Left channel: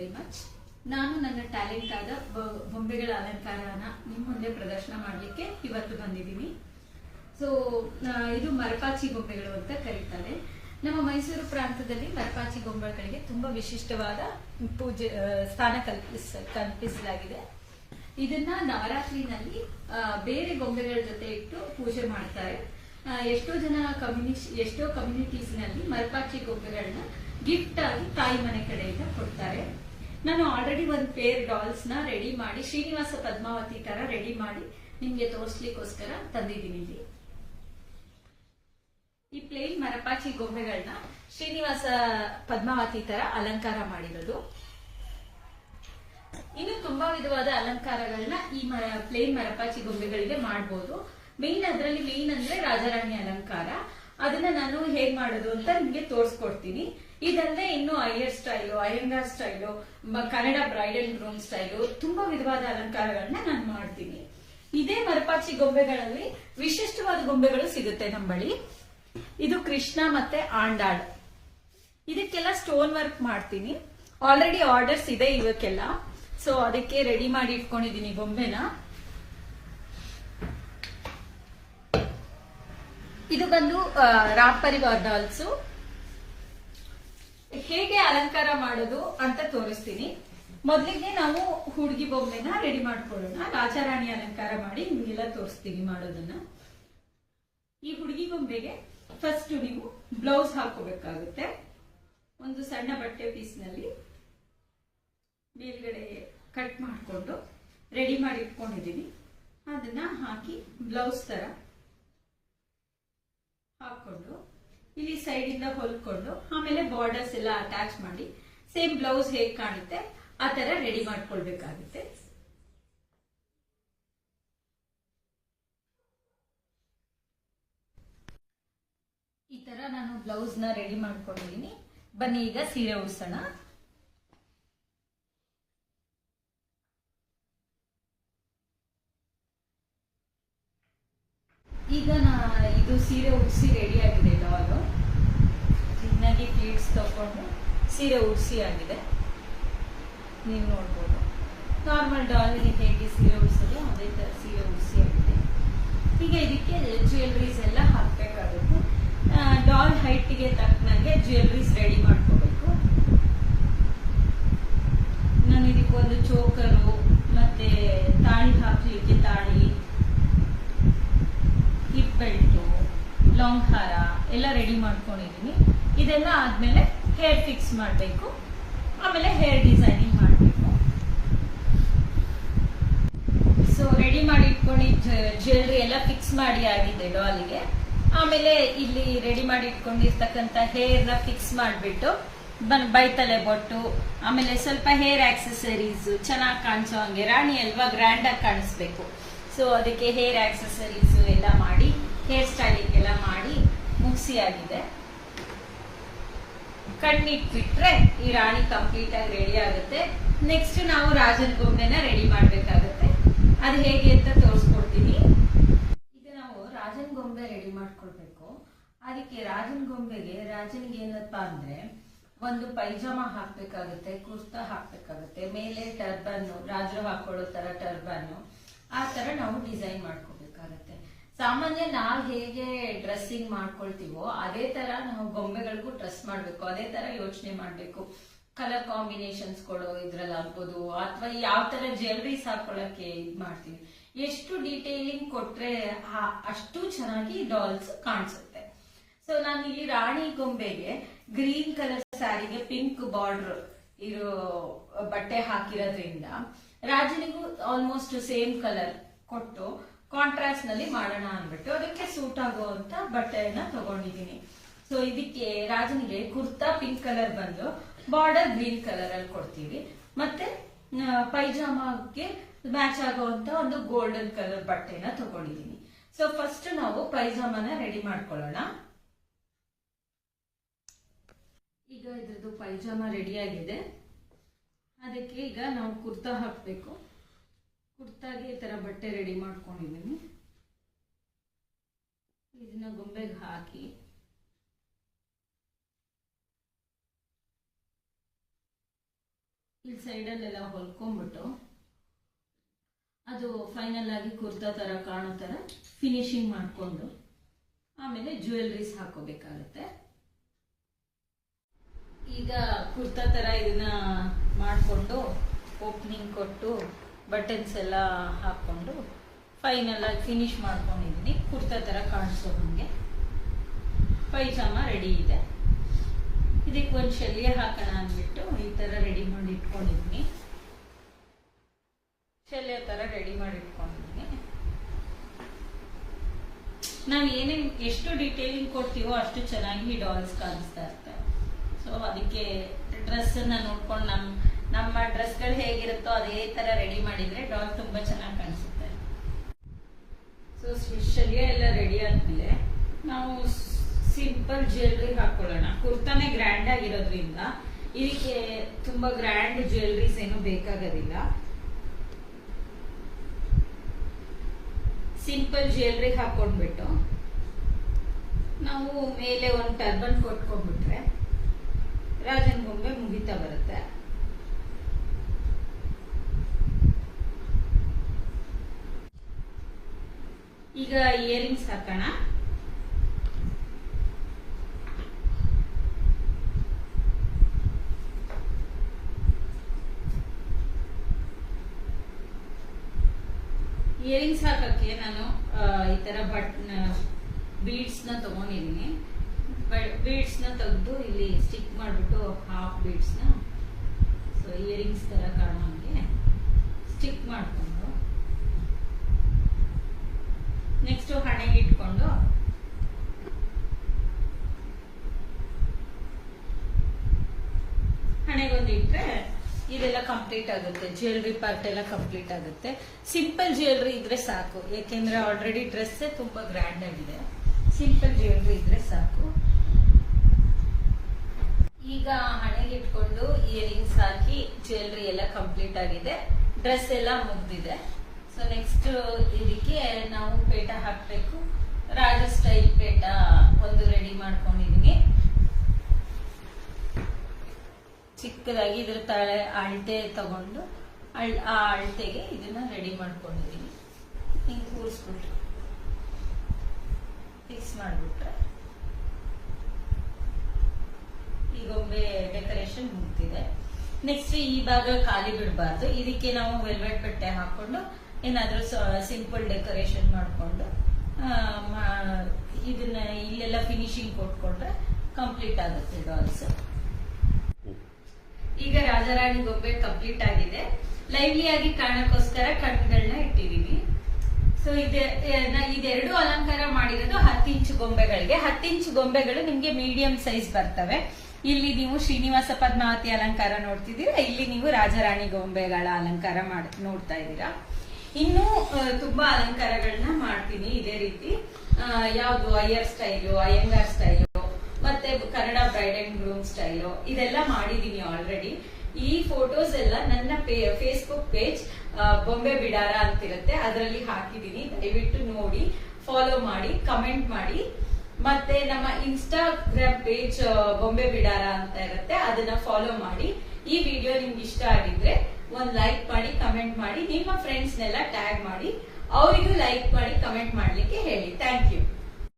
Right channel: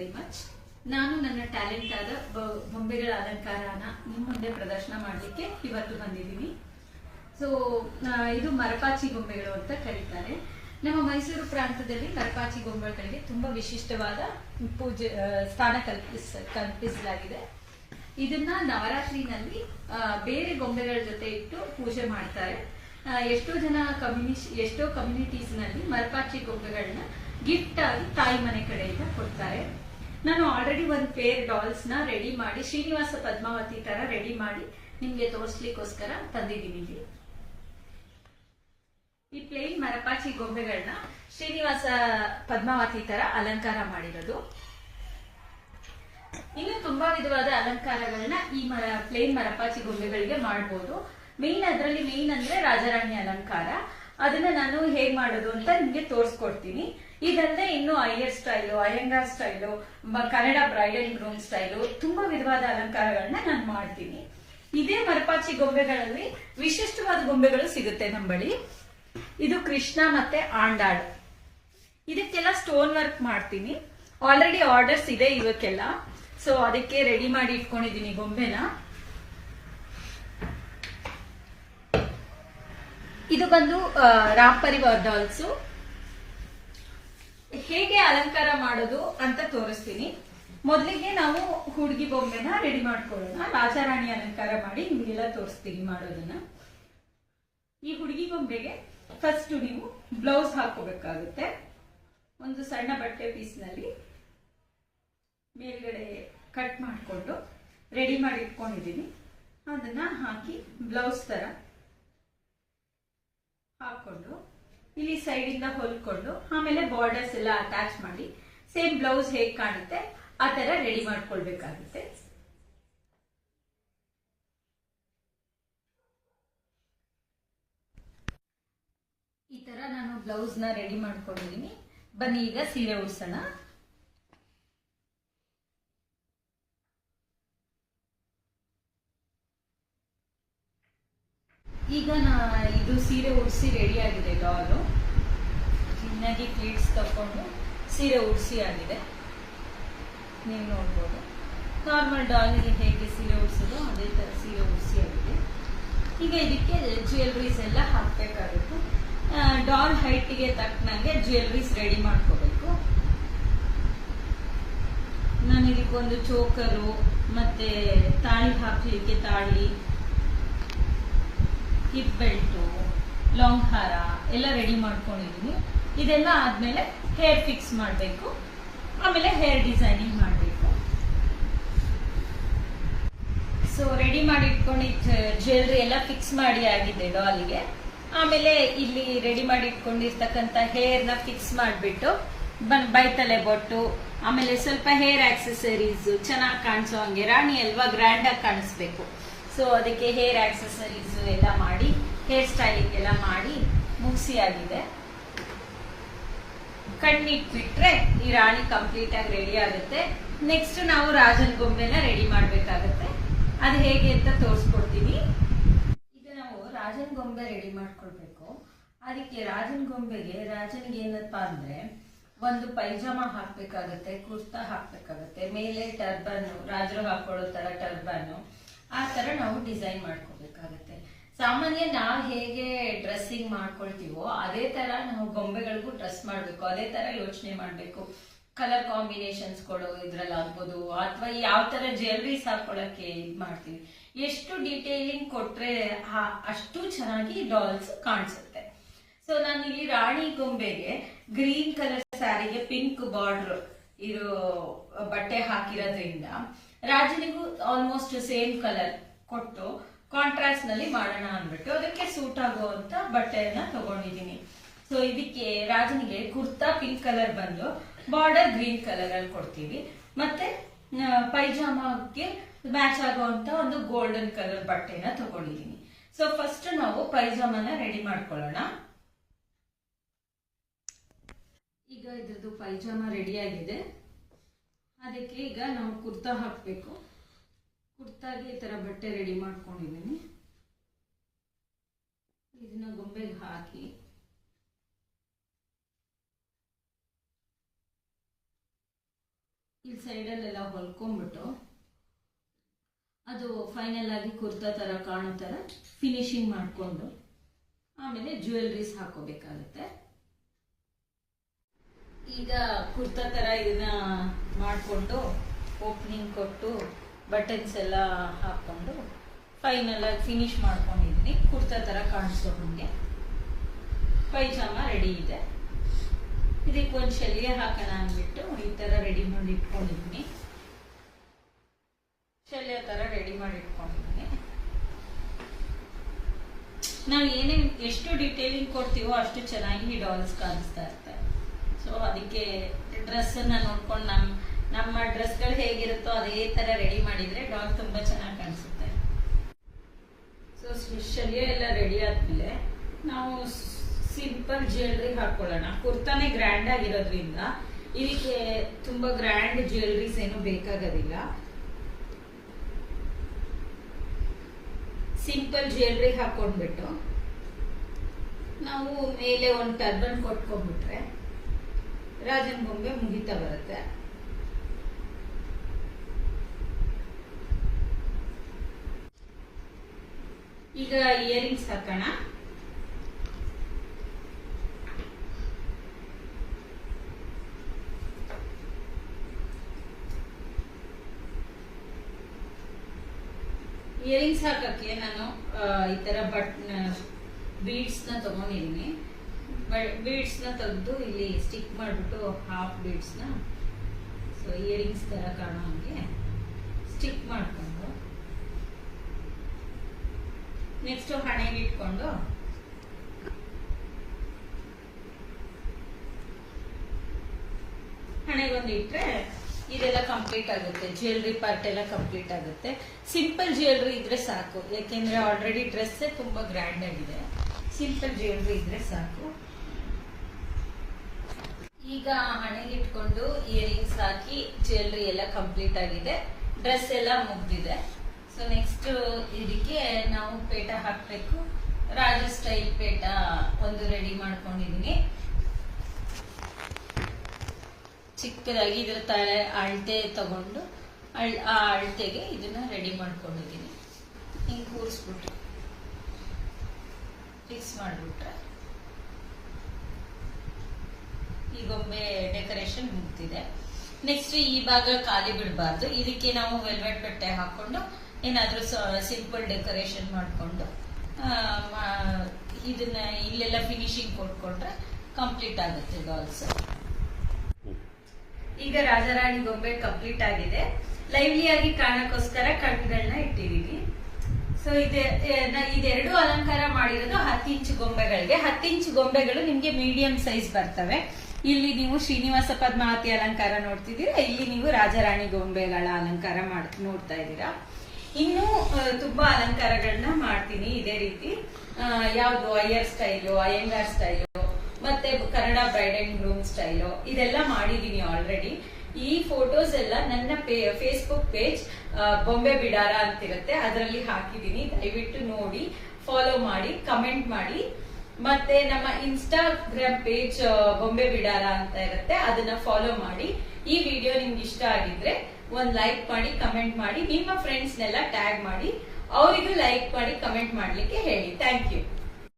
Very much. ನಾನು ನನ್ನ talent ಆದ ಬೊಂಬೆಗಳ ಅಲಂಕಾರನ ನಿಮ್ಮ ಮುಂದೆ ಪ್ರದರ್ಶನ ಮಾಡಲಿಕ್ಕೆ ಇವತ್ತು ಬಂದಿದ್ದೀನಿ. ಸೊ ಇದು ಮರಪಾಚಿ ಗೊಂಬೆಗಳು ಅಂತ ಕರೀತಾರೆ. ನಮ್ಮ ಮೈಸೂರು ಪ್ರಾಂತದಲ್ಲಿ ಮರಪಾಚಿ ಗೊಂಬೆಗಳಿಗೆ ತುಂಬಾ ವಿಶಿಷ್ಟವಾದ ಪೂಜೆ ಸ್ಥಾನ ಕಲ್ಪಿಸಲಾಗಿದೆ. ಇದನ್ನ ನವರಾತ್ರಿನಲ್ಲಿ ಬೇರೆ ಗೊಂಬೆಗಳ ಜೊತೆ ಇಟ್ಟು ಪೂಜೆ ಮಾಡ್ತಾರೆ. ಎಷ್ಟೋ ಕಮ್ಯುನಿಟೀಸ್ ನಲ್ಲಿ ಮರಪಾಚಿ ಗೊಂಬೆಗಳನ್ನ ಗಿಫ್ಟ್ ಆಗಿ ತಾಯಿ ಮನೆ ಕಡೆಯಿಂದ ಕೊಡ್ತಾರೆ. ನಾನು ಆಲ್ರೆಡಿ ಒಂದು ಪೇರ್ ಡಾಲ್ಸ್ ನ ರೆಡಿ ಮಾಡಿ ಶ್ರೀನಿವಾಸ ಪದ್ಮಾವತಿ ತರ ರೆಡಿ ಮಾಡಿ ನಿಮ್ಗೆ ತೋರಿಸ್ಲಿಕ್ಕೋಸ್ಕರ ತಂದಿದ್ದೀನಿ. ಈ ಪ್ಲೇನ್ ಮರಪಾಚಿ ಗೊಂಬೆಗಳನ್ನ ಶ್ರೀನಿವಾಸ ಪದ್ಮಾವತಿ ತರ ಅಲಂಕಾರ ಮಾಡಿರೋದು. ಇನ್ನು ತುಂಬಾ ವಿಧವಾದ ಅಲಂಕಾರಗಳನ್ನ ಈ ಪ್ಲೇನ್ ಮರಪಾಚಿ ಗೊಂಬೆಗಳಿಗೆ ಮಾಡಬಹುದು. ಅದರಲ್ಲಿ ಮೇನ್ ಅಂದ್ರೆ ರಾಜಾರಾಣಿ ಅಲಂಕಾರ. ಅದನ್ನ ನಾನು ಹೇಗ್ ಮಾಡೋದು ಅಂತ ನಿಮ್ಗೆ ತೋರಿಸ್ಕೊಡ್ತೀನಿ. ಇದಲ್ಲದೆ ಇನ್ನು Iyer style, Iyengar style, Kannada bride and groom style ತುಂಬಾ ವಿಧವಾದ ಅಲಂಕಾರಗಳನ್ನ ನಾನು ಮಾಡ್ತೀನಿ. ಇದೇ ಮರಪಾಚಿ ಗೊಂಬೆಗಳಲ್ಲಿ ವಿಶಿಷ್ಟವಾದ ಗೊಂಬೆಗಳು ಸಿಗುತ್ತೆ ನಮ್ಮ ಬಳಿ. ಇದು ಕೃಷ್ಣ ಮತ್ತೆ ಆಂಡಾಳ್. ಇದಕ್ಕೆಲ್ಲ ಸ್ಟೋನ್ ವರ್ಕ್ ಮಾಡ್ತೀನಿ. ಆಲ್ರೆಡಿ ಆರ್ಡರ್ಸ್ ಇದೆ ಇವಕ್ಕೆಲ್ಲ. ಸೊ ಅದಕ್ಕೆ ರೆಡಿ ಮಾಡಿ ಇಟ್ಕೊಂಡಿದ್ದೀನಿ ಗೊಂಬೆನ. ಇದು ಬಂದು ರಾಮ್ ಪರಿವಾರ್ ಡಾಲ್ಸ್. ಹೇಗೆ ಅಲಂಕಾರ ಮಾಡೋದು ಅಂತ ತೋರಿಸ್ತೀನಿ. ಮೊದಲಿಗೆ ನಾವು ಹುಡುಗಿ ಬೊಂಬೆನ ರೆಡಿ ಮಾಡ್ಕೊಳ್ಳೋಣ. ರಾಜಾರಾಣಿ ಅಲಂಕಾರ ಮಾಡಿ ನಿಮಗೆಲ್ಲ ತೋರಿಸ್ತೀನಿ ಮಾಡೋದನ್ನ. ಈ ಹುಡುಗಿ ಗೊಂಬೆಗೆ ಫಸ್ಟ್ ನೀವು ಬ್ಲೌಸ್ ಹಾಕೋಬೇಕಾಗುತ್ತೆ. ಒಂದು ಸಣ್ಣ ಬಟ್ಟೆ ಪೀಸ್ ನಲ್ಲಿ ಮೇಲ್ಗಡೆ ಕಟ್ ಮಾಡಿಕೊಂಡು ರೆಡಿ ಮಾಡಿ ಇಟ್ಕೊಂಡಿದ್ದೀನಿ. ಅದನ್ನ ಹಾಕಿ ಬ್ಲೌಸ್ ತರ ಹಾಕೊಂಡು ಇಲ್ಲಿ ಸೈಡ್ ಇಂದ ಹೊಲ್ಕೊಂಡು ಆಮೇಲೆ ಬಾರ್ಡರ್ಸ್ ಎಲ್ಲ ಅಟ್ಯಾಚ್ ಮಾಡಿ ಸೇಮ್ ಬ್ಲೌಸ್ ಹೇಗ್ ಕಾಣುತ್ತೆ ಆ ತರ ರೆಡಿ ಮಾಡ್ಕೊಳ್ಬೇಕಾಗುತ್ತೆ. ಈ ತರ ನಾನು ಬ್ಲೌಸ್ ನ ರೆಡಿ ಮಾಡ್ಕೊಂಡಿದ್ದೀನಿ. ಬನ್ನಿ ಈಗ ಸೀರೆ ಉಡ್ಸೋಣ. ಈಗ ಇದು ಸೀರೆ ಉಡಿಸಿ ರೆಡಿ ಆಗಿದೆ. ಡಾಲು ಚೆನ್ನಾಗಿ ಪ್ಲೀಟ್ಸ್ ತಕೊಂಡು ಸೀರೆ ಉಡಿಸಿ ಆಗಿದೆ. ನೀವು ನೋಡ್ಬೋದು ನಾರ್ಮಲ್ ಡಾಲ್ಗೆ ಹೇಗೆ ಸೀರೆ ಉಡಿಸೋದು ಅದೇ ತರ ಸೀರೆ ಉಡಿಸಿ ಆಗಿದೆ. ಈಗ ಇದಕ್ಕೆ ಜ್ಯುವೆಲ್ರೀಸ್ ಎಲ್ಲ ಹಾಕ್ಬೇಕಾಗುತ್ತೆ. ಡಾಲ್ ಹೈಟ್ಗೆ ತಕ್ಕನಂಗೆ ಜ್ಯುವೆಲ್ರೀಸ್ ರೆಡಿ ಮಾಡ್ಕೋಬೇಕು. ನಾನು ಇದಕ್ಕೊಂದು ಚೋಕರು ಮತ್ತೆ ತಾಳಿ ಹಾಕ್ಲಿಕ್ಕೆ ತಾಳಿ, ಹಿಪ್ ಬೆಲ್ಟು, ಲಾಂಗ್ ಹಾರ ಎಲ್ಲ ರೆಡಿ ಮಾಡ್ಕೊಂಡಿದೀನಿ. ಇದೆಲ್ಲ ಆದ್ಮೇಲೆ ಹೇರ್ ಫಿಕ್ಸ್ ಮಾಡಬೇಕು. ಆಮೇಲೆ ಹೇರ್ ಡಿಸೈನಿಂಗ್ ಮಾಡಬೇಕು. ಸೊ ರೆಡಿ ಮಾಡಿ ಇಟ್ಕೊಂಡು ಜ್ಯುವೆಲ್ರಿ ಎಲ್ಲ ಫಿಕ್ಸ್ ಮಾಡಿ ಆಗಿದೆ ಡಾಲ್ಗೆ. ಆಮೇಲೆ ಇಲ್ಲಿ ರೆಡಿ ಮಾಡಿ ಇಟ್ಕೊಂಡಿರ್ತಕ್ಕಂಥ ಹೇರ್ ನ ಫಿಕ್ಸ್ ಮಾಡಿಬಿಟ್ಟು ಬೈತಲೆ ಬೊಟ್ಟು, ಆಮೇಲೆ ಸ್ವಲ್ಪ ಹೇರ್ ಆಕ್ಸೆಸರೀಸ್ ಚೆನ್ನಾಗಿ ಕಾಣಿಸೋ ಹಂಗೆ, ರಾಣಿ ಅಲ್ವಾ ಗ್ರ್ಯಾಂಡ್ ಆಗಿ ಕಾಣಿಸ್ಬೇಕು. ಸೊ ಅದಕ್ಕೆ ಹೇರ್ ಆಕ್ಸೆಸರೀಸ್ ಎಲ್ಲ ಮಾಡಿ ಹೇರ್ ಸ್ಟೈಲಿಂಗ್ ಎಲ್ಲ ಮಾಡಿ ಮುಗಿಸಿ ಆಗಿದೆ. ಕಣ್ಣಿಟ್ಬಿಟ್ರೆ ಈ ರಾಣಿ ಕಂಪ್ಲೀಟ್ ಆಗಿ ರೆಡಿ ಆಗುತ್ತೆ. ನೆಕ್ಸ್ಟ್ ನಾವು ರಾಜನ್ ಗೊಂಬೆನ ರೆಡಿ ಮಾಡ್ಬೇಕಾಗುತ್ತೆ. ಅದು ಹೇಗೆ ಅಂತ ತೋರಿಸ್ಕೊಡ್ತೀನಿ. ಈಗ ನಾವು ರಾಜನ್ ಗೊಂಬೆ ರೆಡಿ ಮಾಡ್ಕೊಳ್ಬೇಕು. ಅದಕ್ಕೆ ರಾಜನ್ ಗೊಂಬೆಗೆ ರಾಜನ್ಗೆ ಏನಪ್ಪಾ ಅಂದ್ರೆ ಒಂದು ಪೈಜಾಮ ಹಾಕ್ಬೇಕಾಗತ್ತೆ, ಕುರ್ತಾ ಹಾಕ್ಬೇಕಾಗತ್ತೆ, ಮೇಲೆ ಟರ್ಬನ್, ರಾಜರು ಹಾಕೊಳ್ಳೋ ತರ ಟರ್ಬನ್, ಆ ತರ ನಾವು ಡಿಸೈನ್ ಮಾಡ್ಕೋಬೇಕಾಗತ್ತೆ. ಸಾಮಾನ್ಯ ನಾವು ಹೇಗೆ ಡ್ರೆಸ್ಸಿಂಗ್ ಮಾಡ್ಕೊಳ್ತೀವೋ ಅದೇ ತರ ನಾವು ಗೊಂಬೆಗಳಿಗೂ ಡ್ರೆಸ್ ಮಾಡ್ಬೇಕು. ಅದೇ ತರ ಯೋಚನೆ ಮಾಡ್ಬೇಕು. ಕಲರ್ ಕಾಂಬಿನೇಷನ್ಸ್ ಕೊಡೋ ಇದ್ರಲ್ಲಿ ಆಗ್ಬೋದು, ಅಥವಾ ಯಾವ ತರ ಜ್ಯುವೆಲ್ರೀಸ್ ಹಾಕೊಳ್ಳಕ್ಕೆ ಇದ್ ಮಾಡ್ತೀವಿ. ಎಷ್ಟು ಡೀಟೇಲಿಂಗ್ ಕೊಟ್ರೆ ಅಷ್ಟು ಚೆನ್ನಾಗಿ ಡಾಲ್ಸ್ ಕಾಣಿಸುತ್ತೆ. ಸೊ ನಾನು ಇಲ್ಲಿ ರಾಣಿ ಗೊಂಬೆಗೆ ಗ್ರೀನ್ ಕಲರ್ ಸ್ಯಾರಿಗೆ ಪಿಂಕ್ ಬಾರ್ಡರ್ ಇರೋ ಬಟ್ಟೆ ಹಾಕಿರೋದ್ರಿಂದ ರಾಜನಿಗೂ ಆಲ್ಮೋಸ್ಟ್ ಸೇಮ್ ಕಲರ್ ಕೊಟ್ಟು ಕಾಂಟ್ರಾಸ್ಟ್ ನಲ್ಲಿ ಮಾಡೋಣ ಅಂದ್ಬಿಟ್ಟು ಅದಕ್ಕೆ ಸೂಟ್ ಆಗುವಂತ ಬಟ್ಟೆಯನ್ನ ತಗೊಂಡಿದ್ದೀನಿ. ಸೊ ಇದಕ್ಕೆ ರಾಜನಿಗೆ ಕುರ್ತಾ ಪಿಂಕ್ ಕಲರ್ ಬಂದು ಬಾರ್ಡರ್ ಗ್ರೀನ್ ಕಲರ್ ಅಲ್ಲಿ ಕೊಡ್ತೀವಿ. ಮತ್ತೆ ಪೈಜಾಮಾಗೆ ಮ್ಯಾಚ್ ಆಗುವಂತ ಒಂದು ಗೋಲ್ಡನ್ ಕಲರ್ ಬಟ್ಟೆನ ತಗೊಂಡಿದ್ದೀನಿ. ಸೊ ಫಸ್ಟ್ ನಾವು ಪೈಜಾಮನ ರೆಡಿ ಮಾಡ್ಕೊಳ್ಳೋಣ. ಈಗ ಇದ್ರದ್ದು ಪೈಜಾಮ ರೆಡಿ ಆಗಿದೆ. ಅದಕ್ಕೆ ಈಗ ನಾವು ಕುರ್ತಾ ಹಾಕಬೇಕು. ಕುರ್ತಾಗೆ ಈ ತರ ಬಟ್ಟೆ ರೆಡಿ ಮಾಡ್ಕೊಂಡಿದ್ದೀನಿ. ಇದನ್ನ ಗೊಂಬೆಗೆ ಹಾಕಿ ಇಲ್ಲಿ ಸೈಡಲ್ಲೆಲ್ಲ ಹೊಲ್ಕೊಂಡ್ಬಿಟ್ಟು ಅದು ಫೈನಲ್ ಆಗಿ ಕುರ್ತಾ ತರ ಕಾಣೋ ತರ ಫಿನಿಶಿಂಗ್ ಮಾಡಿಕೊಂಡು ಆಮೇಲೆ ಜ್ಯುವೆಲ್ರೀಸ್ ಹಾಕೋಬೇಕಾಗುತ್ತೆ. ಈಗ ಕುರ್ತಾ ತರ ಇದನ್ನ ಮಾಡಿಕೊಂಡು ಓಪನಿಂಗ್ ಕೊಟ್ಟು ಬಟನ್ಸ್ ಎಲ್ಲ ಹಾಕೊಂಡು ಫೈನಲ್ ಆಗಿ ಫಿನಿಶ್ ಮಾಡ್ಕೊಂಡಿದ್ದೀನಿ. ಕುರ್ತಾ ತರ ಕಾಣಿಸೋ ಹಂಗೆ ಪೈಜಾಮ ರೆಡಿ ಇದೆ. ಇದಕ್ಕೆ ಒಂದು ಶಲ್ಯ ಹಾಕೋಣ ಅಂದ್ಬಿಟ್ಟು ಈ ತರ ರೆಡಿ ಮಾಡಿ ಇಟ್ಕೊಂಡಿದ್ದೀನಿ. ಶಲ್ಯ ತರ ರೆಡಿ ಮಾಡಿ ಇಟ್ಕೊಂಡಿದ್ದೀನಿ. ನಾವು ಏನೇನು ಎಷ್ಟು ಡೀಟೇಲಿಂಗ್ ಕೊಡ್ತೀವೋ ಅಷ್ಟು ಚೆನ್ನಾಗಿ ಈ ಡಾಲ್ಸ್ ಕಾಣಿಸ್ತಾ ಇರ್ತವೆ. ಸೊ ಅದಕ್ಕೆ ಡ್ರೆಸ್ ಅನ್ನ ನೋಡ್ಕೊಂಡು ನಮ್ಮ ಡ್ರೆಸ್ಗಳು ಹೇಗಿರುತ್ತೋ ಅದೇ ತರ ರೆಡಿ ಮಾಡಿದ್ರೆ ಡಾಲ್ ತುಂಬಾ ಚೆನ್ನಾಗಿ ಕಾಣಿಸುತ್ತೆ. ಸೊ ಶಲ್ಯ ಎಲ್ಲ ರೆಡಿ ಆದ್ಮೇಲೆ ನಾವು ಸಿಂಪಲ್ ಜ್ಯುವೆಲ್ರಿ ಹಾಕೊಳ್ಳೋಣ. ಕುರ್ತಾನೆ ಗ್ರ್ಯಾಂಡ್ ಆಗಿರೋದ್ರಿಂದ ಇದಕ್ಕೆ ತುಂಬಾ ಗ್ರ್ಯಾಂಡ್ ಜ್ಯುವೆಲ್ರೀಸ್ ಏನು ಬೇಕಾಗೋದಿಲ್ಲ. ಸಿಂಪಲ್ ಜ್ಯುವೆಲ್ರಿ ಹಾಕೊಂಡ್ಬಿಟ್ಟು ನಾವು ಮೇಲೆ ಒಂದು ಟರ್ಬನ್ ಕೊಟ್ಕೊಂಡ್ಬಿಟ್ರೆ ರಾಜನ್ ಗೊಂಬೆ ಮುಗಿತಾ ಬರುತ್ತೆ. ಈಗ ಇಯರಿಂಗ್ಸ್ ಹಾಕೋಣ. ಇಯರಿಂಗ್ಸ್ ಹಾಕಕ್ಕೆ ನಾನು ಈ ತರ ಬೀಡ್ಸ್ ನ ತಗೊಂಡಿದ್ದೀನಿ. ಬೀಡ್ಸ್ ನ ತೆಗೆದು ಇಲ್ಲಿ ಸ್ಟಿಕ್ ಮಾಡ್ಬಿಟ್ಟು ಹಾಫ್ ಬೀಡ್ಸ್ ನ ಸೊ ಇಯರಿಂಗ್ಸ್ ತರ ಕಾಣೋ ಹಾಗೆ ಸ್ಟಿಕ್ ಮಾಡ್ಕೊಂಡು ನೆಕ್ಸ್ಟ್ ಹಣೆಗೆ ಇಟ್ಕೊಂಡು ಹಣೆಗೊಂದು ಇಟ್ರೆ ಇದೆಲ್ಲ ಕಂಪ್ಲೀಟ್ ಆಗುತ್ತೆ. ಜ್ಯುವೆಲ್ರಿ ಪಾರ್ಟ್ ಎಲ್ಲ ಕಂಪ್ಲೀಟ್ ಆಗುತ್ತೆ. ಸಿಂಪಲ್ ಜ್ಯುವೆಲ್ರಿ ಇದ್ರೆ ಸಾಕು, ಯಾಕೆಂದ್ರೆ ಆಲ್ರೆಡಿ ಡ್ರೆಸ್ ತುಂಬಾ ಗ್ರ್ಯಾಂಡ್ ಆಗಿದೆ. ಸಿಂಪಲ್ ಜ್ಯುವೆಲ್ರಿ ಇದ್ರೆ ಸಾಕು. ಈಗ ಹಣೆಗೆ ಇಟ್ಕೊಂಡು ಇಯರಿಂಗ್ಸ್ ಹಾಕಿ ಜ್ಯುವೆಲ್ರಿ ಎಲ್ಲ ಕಂಪ್ಲೀಟ್ ಆಗಿದೆ. ಡ್ರೆಸ್ ಎಲ್ಲ ಮುಗ್ದಿದೆ. ಸೊ ನೆಕ್ಸ್ಟ್ ಇದಕ್ಕೆ ನಾವು ಪೇಟ ಹಾಕ್ಬೇಕು. ರಾಜ ಸ್ಟೈಲ್ ಪೇಟ ಒಂದು ರೆಡಿ ಮಾಡ್ಕೊಂಡಿದೀನಿ. ಚಿಕ್ಕದಾಗಿ ಇದ್ರ ತಾರೆ ಅಳತೆ ತಗೊಂಡು ಆ ಅಳತೆಗೆ ಇದನ್ನ ರೆಡಿ ಮಾಡ್ಕೊಂಡಿದೀನಿ. ಹಿಂಗ್ ಕೂರಿಸ್ಬಿಟ್ಟು ಫಿಕ್ಸ್ ಮಾಡ್ಬಿಟ್ರೆ ಈ ಗೊಂಬೆ ಡೆಕೋರೇಷನ್ ಮುಗ್ದಿದೆ. ನೆಕ್ಸ್ಟ್ ಈ ಭಾಗ ಖಾಲಿ ಬಿಡಬಾರ್ದು. ಇದಕ್ಕೆ ನಾವು ವೆಲ್ವೆಟ್ ಬಟ್ಟೆ ಹಾಕೊಂಡು ಏನಾದ್ರೂ ಸಿಂಪಲ್ ಡೆಕೋರೇಷನ್ ಮಾಡ್ಕೊಂಡು ಇದನ್ನ ಇಲ್ಲೆಲ್ಲ ಫಿನಿಶಿಂಗ್ ಕೊಟ್ಕೊಂಡ್ರೆ ಕಂಪ್ಲೀಟ್ ಆಗುತ್ತೆ ಡಾಲ್ಸ್. ಈಗ ರಾಜಾರಾಣಿ ಗೊಂಬೆ ಕಂಪ್ಲೀಟ್ ಆಗಿದೆ. ಲೈವ್ಲಿ ಆಗಿ ಕಾರಣಕ್ಕೋಸ್ಕರ ಕಣ್ಗಳನ್ನ ಇಟ್ಟಿದೀನಿ. ಸೊ ಇದೆರಡು ಅಲಂಕಾರ ಮಾಡಿರೋದು 10 ಇಂಚು ಗೊಂಬೆಗಳಿಗೆ. 10 ಇಂಚು ಗೊಂಬೆಗಳು ನಿಮ್ಗೆ ಮೀಡಿಯಂ ಸೈಜ್ ಬರ್ತವೆ. ಇಲ್ಲಿ ನೀವು ಶ್ರೀನಿವಾಸ ಪದ್ಮಾವತಿ ಅಲಂಕಾರ ನೋಡ್ತಿದ್ದೀರಾ, ಇಲ್ಲಿ ನೀವು ರಾಜಾರಾಣಿ ಗೊಂಬೆಗಳ ಅಲಂಕಾರ ನೋಡ್ತಾ ಇದ್ದೀರಾ. ಇನ್ನು ತುಂಬಾ ಅಲಂಕಾರಗಳನ್ನ ಮಾಡ್ತೀನಿ ಇದೇ ರೀತಿ. ಯಾವ್ದು ಅಯ್ಯರ್ ಸ್ಟೈಲು, ಅಯ್ಯಂಗಾರ್ ಸ್ಟೈಲು, ಮತ್ತೆ Kannada bride and groom style ಇದೆಲ್ಲ ಮಾಡಿದೀನಿ ಆಲ್ರೆಡಿ. ಈ ಫೋಟೋಸ್ ಎಲ್ಲ ನನ್ನ ಫೇಸ್ಬುಕ್ ಪೇಜ್ ಬೊಂಬೆ ಬಿಡಾರ ಅಂತಿರುತ್ತೆ, ಅದರಲ್ಲಿ ಹಾಕಿದೀನಿ. ದಯವಿಟ್ಟು ನೋಡಿ, ಫಾಲೋ ಮಾಡಿ, ಕಮೆಂಟ್ ಮಾಡಿ. ಮತ್ತೆ ನಮ್ಮ ಇನ್ಸ್ಟಾಗ್ರಾಮ್ ಪೇಜ್ ಬೊಂಬೆ ಬಿಡಾರ ಅಂತ ಇರುತ್ತೆ, ಅದನ್ನ ಫಾಲೋ ಮಾಡಿ. ಈ ವಿಡಿಯೋ ನಿಮ್ಗೆ ಇಷ್ಟ ಆಗಿದ್ರೆ ಒಂದ್ ಲೈಕ್ ಮಾಡಿ, ಕಮೆಂಟ್ ಮಾಡಿ, ನಿಮ್ಮ ಫ್ರೆಂಡ್ಸ್ನೆಲ್ಲ ಟ್ಯಾಗ್ ಮಾಡಿ, ಅವರಿಗೂ ಲೈಕ್ ಮಾಡಿ ಕಮೆಂಟ್ ಮಾಡ್ಲಿಕ್ಕೆ ಹೇಳಿ. Thank you.